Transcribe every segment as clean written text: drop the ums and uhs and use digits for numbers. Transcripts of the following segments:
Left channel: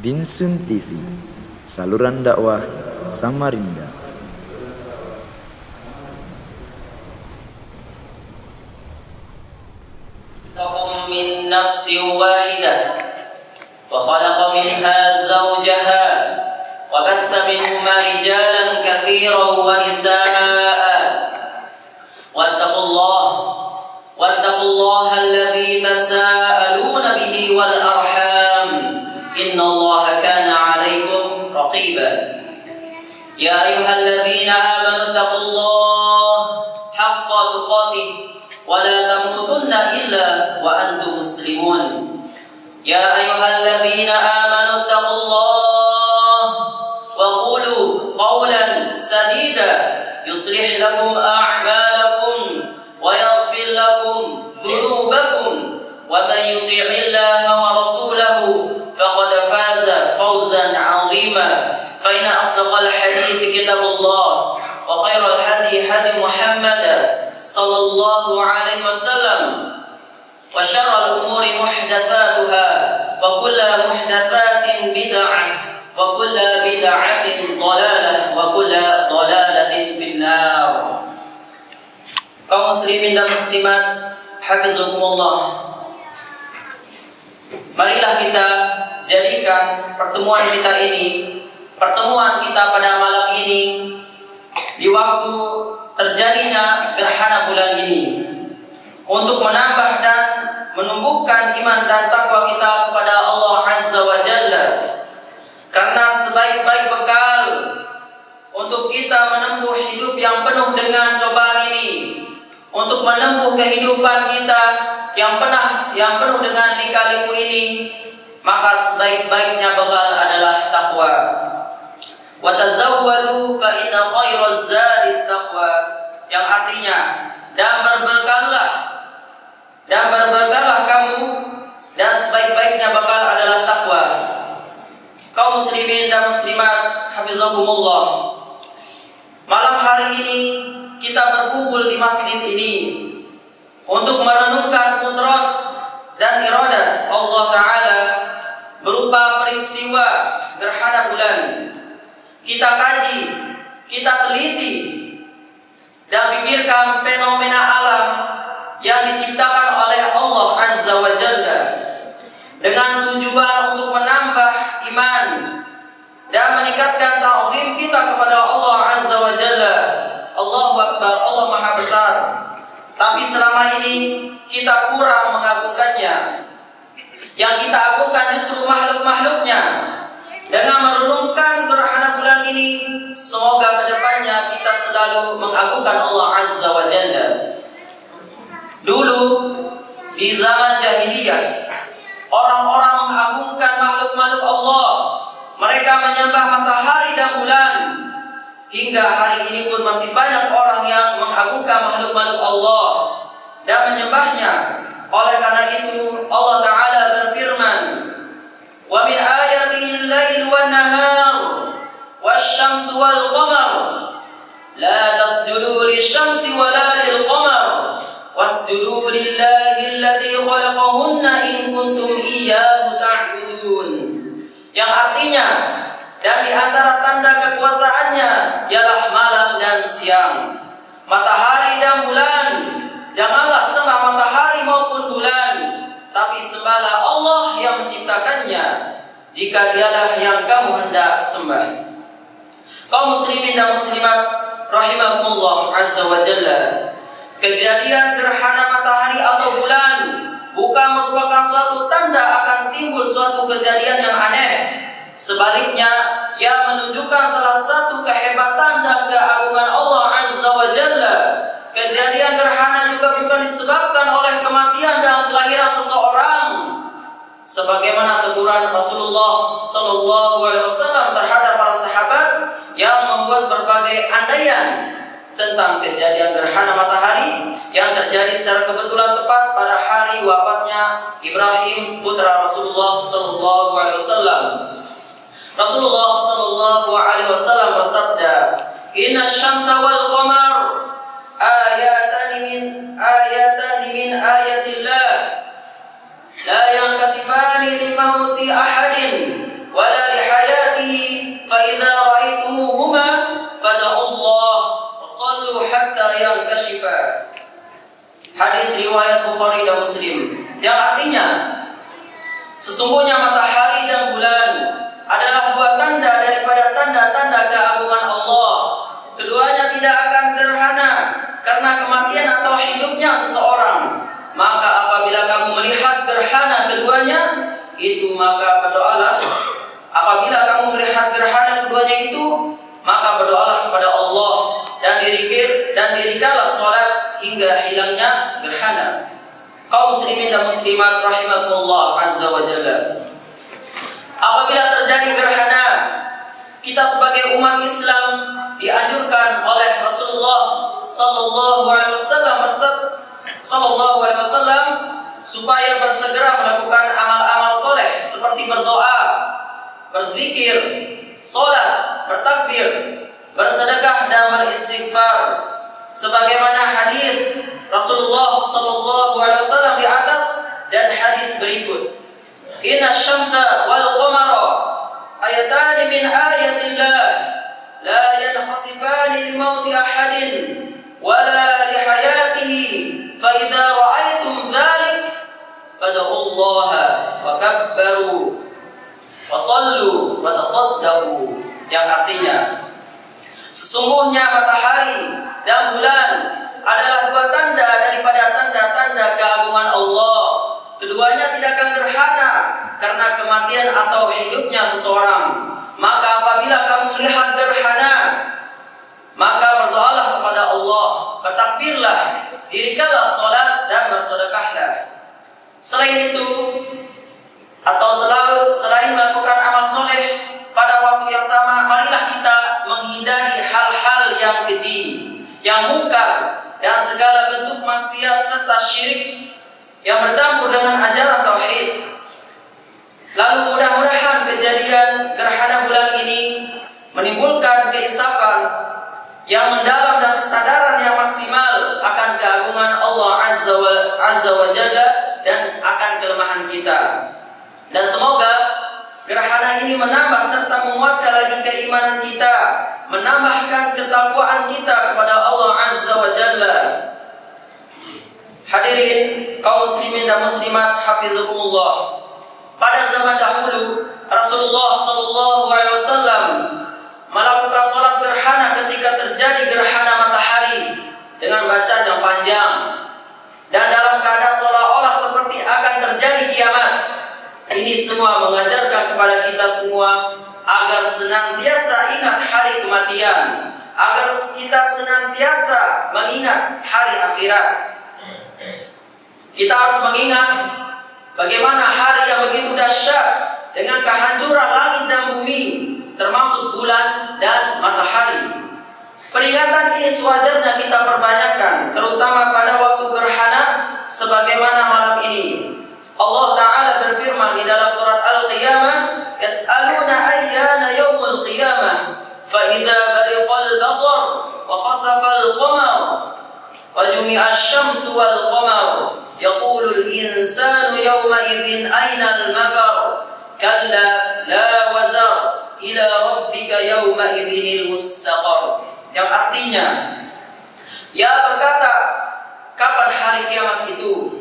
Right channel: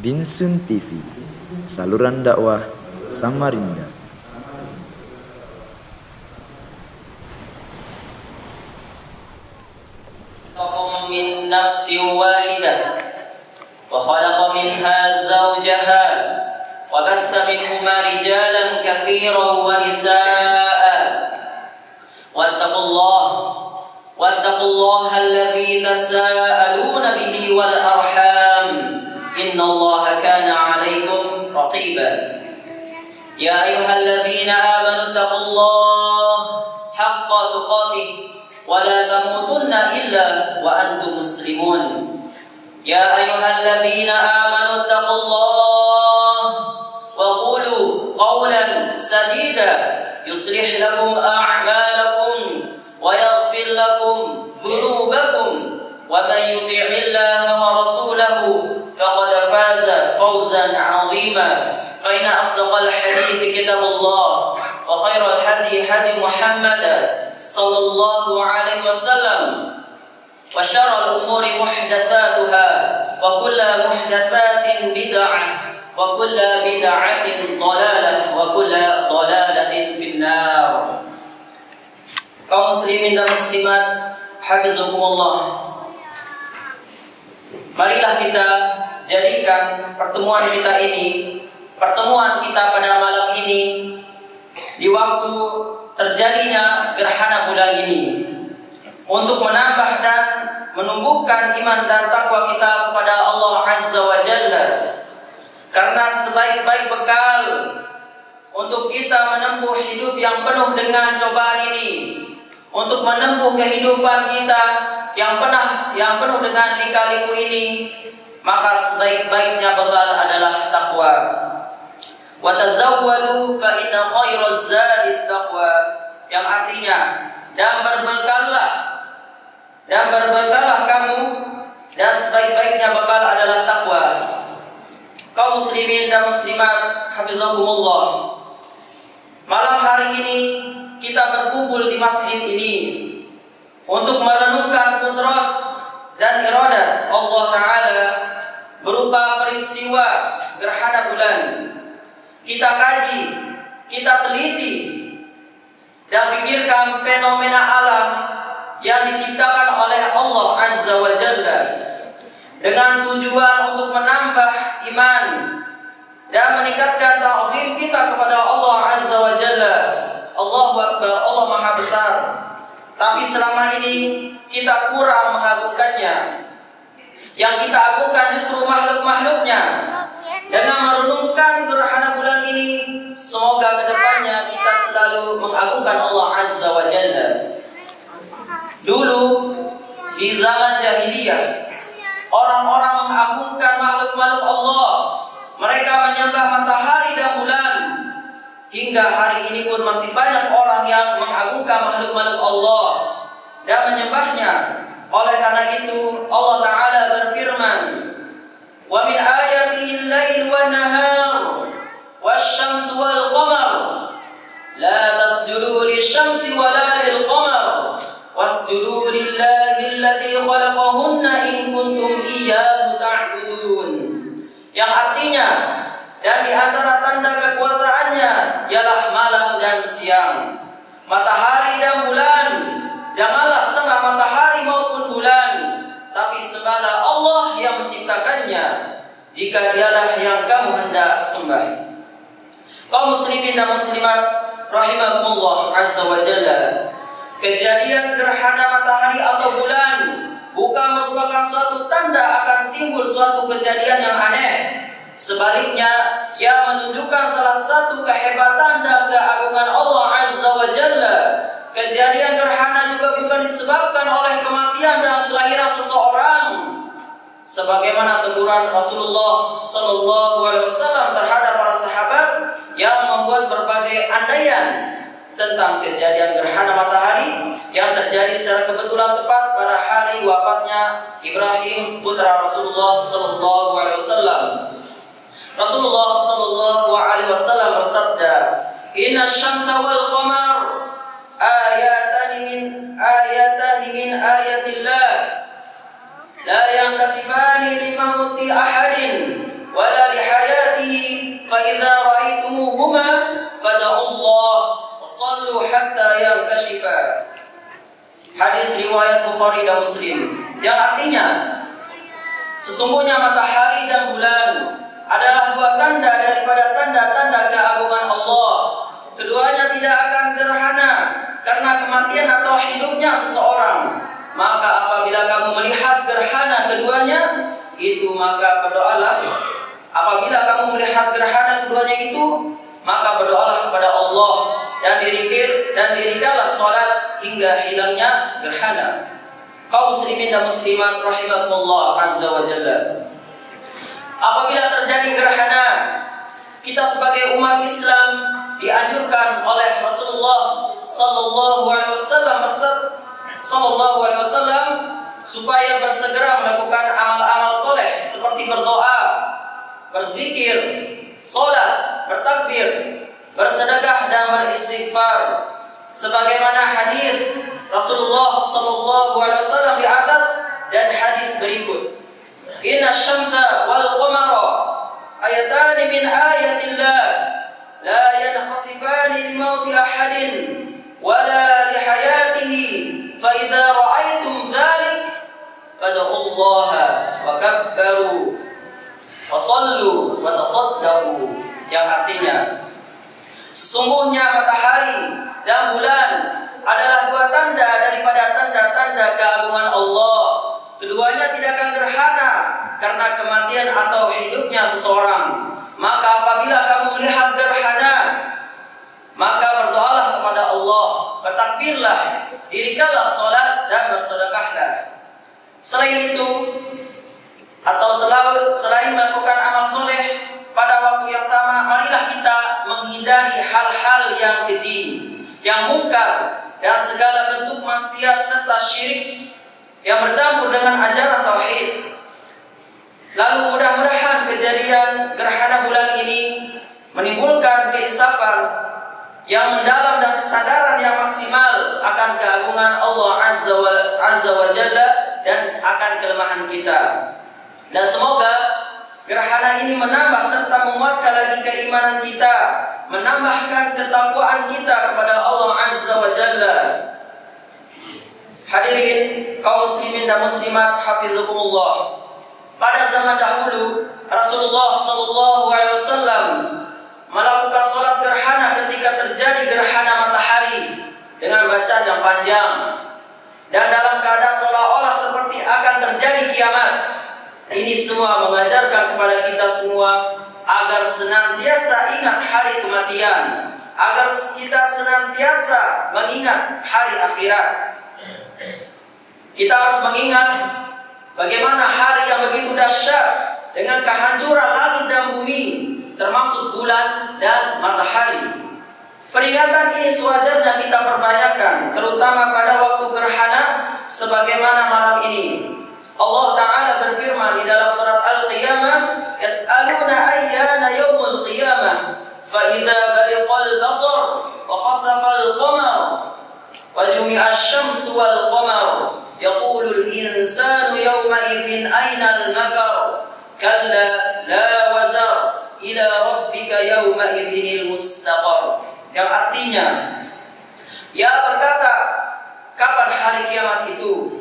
Binsun TV, saluran dakwah Samarinda. Min nafsin wahidah wa khalaqa minha zawjaha wa batha minhuma rijalan katsiran wa nisaa'a wattaqullaha alladzi tasaaluna bihi wal arham innallaha kana 'alaykum raqiba ya ayyuhalladzina amanu taqullaha haqqa tuqatih wa la tamutunna illa wa antum muslimun ya ayyuhalladzina amanu taqullaha wa qulu qawlan sadida yuslih lakum a'malakum wa yaghfir lakum dhunubakum wa man yuti'illaha wa rasulahu faqad faza fawzan 'azima fa inna asdaqal hadithi kitabullah wa khairal hadi hadi Muhammad sallallahu alaihi wasallam wa syarrul umuri muhdatsatuha wa kullu muhdatsatin bid'ah wa kullu bid'atin dhalalah wa kullu dhalalatin finnar. Kaum muslimin dan muslimat hafizakumullah, marilah kita jadikan pertemuan kita pada malam ini di waktu terjadinya gerhana bulan ini untuk menambah dan menumbuhkan iman dan takwa kita kepada Allah Azza wa Jalla, karena sebaik-baik bekal untuk kita menempuh hidup yang penuh dengan cobaan ini, untuk menempuh kehidupan kita yang penuh dengan lika-liku ini, maka sebaik-baiknya bekal adalah takwa. Wa tazawwadu fa inna khairaz zadi taqwa, yang artinya dan berbekallah kamu, dan sebaik-baiknya bekal adalah takwa. Kaum muslimin dan muslimat hafizakumullah, malam hari ini kita berkumpul di masjid ini untuk merenungkan kudrat dan iradat Allah Ta'ala berupa peristiwa gerhana bulan. Kita kaji, kita teliti dan pikirkan fenomena alam yang diciptakan oleh Allah Azza wa Jalla dengan tujuan untuk menambah iman dan meningkatkan ta'zim kita kepada Allah Azza wa Jalla. Allahu Akbar, Allah Maha Besar. Tapi selama ini kita kurang mengagungkannya. Yang kita agungkan justru makhluk-makhluknya. Dengan merenungkan gerhana bulan ini, semoga kedepannya kita selalu mengagungkan Allah Azza wa Jalla. Dulu di zaman jahiliyah, orang-orang mengagungkan makhluk-makhluk Allah. Mereka menyembah matahari dan bulan. Hingga hari ini pun masih banyak orang yang mengagungkan makhluk-makhluk Allah dan menyembahnya. Oleh karena itu Allah Ta'ala berfirman, wa min ayatihi al-lail wan nahar wasyamsu wal qamar la tasjudu lisyamsi wala lil qamar wasjudu lillahi alladzi khalaqahunna in kuntum iyyahu ta'budun. Yang artinya, dan di antara tanda kekuasaannya ialah malam dan siang, matahari dan bulan. Janganlah sembah matahari maupun bulan, tapi sembahlah Allah yang menciptakannya, jika dialah yang kamu hendak sembah. Kaum muslimin dan muslimat rahimakumullah azza wa jalla, kejadian gerhana matahari atau bulan bukan merupakan suatu tanda akan timbul suatu kejadian yang aneh. Sebaliknya, ia menunjukkan salah satu kehebatan dan keagungan Allah Azza wa Jalla. Kejadian gerhana juga bukan disebabkan oleh kematian dan kelahiran seseorang, sebagaimana teguran Rasulullah sallallahu alaihi wasallam terhadap para sahabat yang membuat berbagai andaian tentang kejadian gerhana matahari yang terjadi secara kebetulan tepat pada hari wafatnya Ibrahim putra Rasulullah sallallahu alaihi wasallam. Rasulullah sallallahu alaihi wasallam bersabda, "Inna syamsa wal qamar ayatan min ayatillah la yankasifani li mauti ahadin ولا لحياته فإذا رأيتموهما فادعوا الله وصلوا حتى ينكشفا. Hadis riwayat Bukhari dan Muslim, yang artinya sesungguhnya matahari dan bulan adalah dua tanda daripada tanda-tanda keagungan Allah. Keduanya tidak akan gerhana karena kematian atau hidupnya seseorang. Maka apabila kamu melihat gerhana keduanya itu, maka berdoalah. Apabila kamu melihat gerhana keduanya itu, maka berdoalah kepada Allah dan dirikanlah salat hingga hilangnya gerhana. Kaum muslimin dan muslimat rahimakumullah azza wa jalla. Apabila terjadi gerhana, kita sebagai umat Islam dianjurkan oleh Rasulullah sallallahu alaihi wasallam supaya bersegera melakukan amal-amal soleh seperti berdoa, berzikir, salat, bertakbir, bersedekah dan beristighfar. Sebagaimana hadis Rasulullah sallallahu alaihi wasallam di atas dan hadis berikut. Inna syamsa wal qamara ayatani min ayatillah la yankhasifani li mauti ahadin wala li hayatihi fa idza ra'aytum dhalik fad'ullaha wa kabbaru wa sallu wa tasaddaqu, yang artinya sesungguhnya matahari dan bulan adalah dua tanda daripada tanda-tanda keagungan Allah. Keduanya tidak akan gerhana karena kematian atau hidupnya seseorang. Maka apabila kamu melihat gerhana, maka berdoalah kepada Allah, bertakbirlah, dirikanlah salat dan bersedekahlah. Selain itu, atau selain melakukan amal soleh pada waktu yang sama, marilah kita menghindari hal-hal yang keji, yang mungkar, dan segala bentuk maksiat serta syirik yang bercampur dengan ajaran tauhid. Lalu mudah-mudahan kejadian gerhana bulan ini menimbulkan keinsafan yang mendalam dan kesadaran yang maksimal akan keagungan Allah Azza wa Jalla dan akan kelemahan kita. Dan semoga gerhana ini menambah serta menguatkan lagi keimanan kita, menambahkan ketakwaan kita kepada Allah Azza wa Jalla. Hadirin kaum muslimin dan muslimat hafizakumullah. Pada zaman dahulu Rasulullah sallallahu alaihi wasallam melakukan salat gerhana ketika terjadi gerhana matahari dengan bacaan yang panjang dan dalam keadaan seolah-olah seperti akan terjadi kiamat. Ini semua mengajarkan kepada kita semua agar senantiasa ingat hari kematian, agar kita senantiasa mengingat hari akhirat. Kita harus mengingat bagaimana hari yang begitu dahsyat dengan kehancuran langit dan bumi, termasuk bulan dan matahari. Peringatan ini sewajarnya kita perbanyakkan, terutama pada waktu gerhana sebagaimana malam ini. Allah Ta'ala berfirman di dalam surat Al-Qiyamah, "Yas'aluna ayyana yaumul qiyamah, fa idza bariqal basar wa khasafal qamar wa jumi'a asy-syamsu wal qamar yaqulul insanu yawma idzin aynal mafar kalla la wazar ila rabbika yawma idzinil mustaqar." Yang artinya, ia berkata, kapan hari kiamat itu?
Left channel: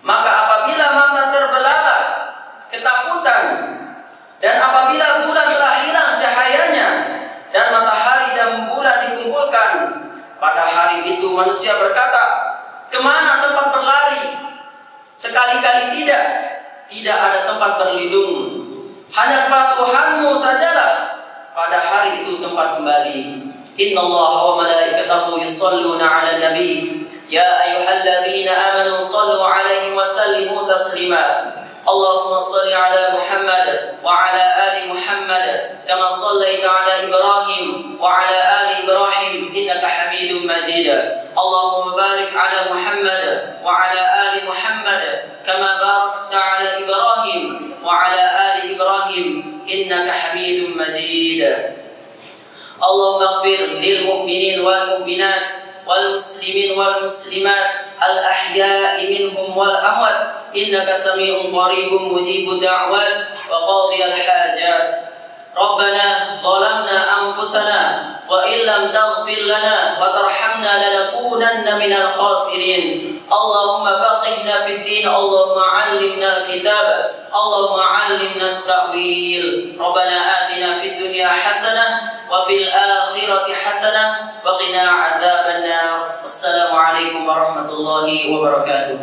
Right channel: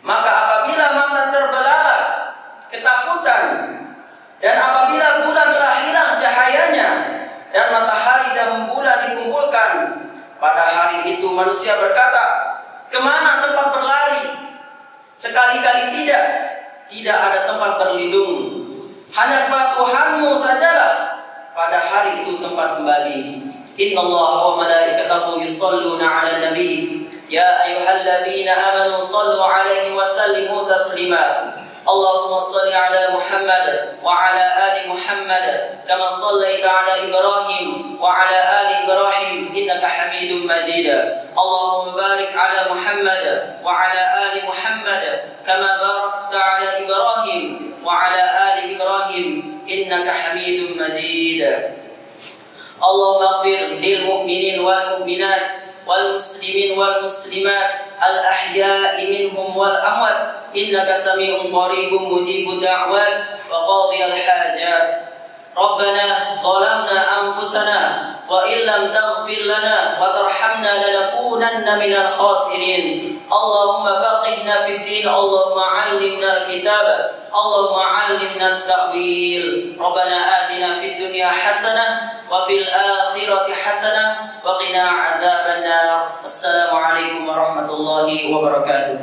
Maka apabila mata terbelalak ketakutan, dan apabila bulan telah hilang cahayanya dan matahari dan bulan dikumpulkan, pada hari itu manusia berkata, kemana tempat berlari? Sekali-kali tidak ada tempat berlindung. Hanya kepada Tuhanmu sajalah pada hari itu tempat kembali. Inna Allah wa malaikatahu yusalluna ala nabi ya ayyuhalladzina amanu sallu alaihi wa sallimu taslima. Allahumma salli ala Muhammad wa ala ali Muhammad kama sallaita ala Ibrahim wa ala ali Ibrahim innaka Hamidum Majid. Allahumma barik ala Muhammad wa ala ali Muhammad kama barakta ala Ibrahim wa ala ali Ibrahim innaka Hamidum Majid. Allahumma ighfir lil mu'minin wal mu'minat wal muslimin wal muslimat al ahya'i minhum wal amwat إنك سميع قريب مجيب الدعوات وقاضي الحاجات. ربنا ظلمنا أنفسنا وإن لم تغفر لنا وترحمنا لنكونن من الخاسرين. اللهم فقهنا في الدين، اللهم علمنا الكتاب، اللهم علمنا التأويل. ربنا آتنا في الدنيا حسنة وفي الآخرة حسنة وقنا عذاب النار. السلام عليكم ورحمة الله وبركاته.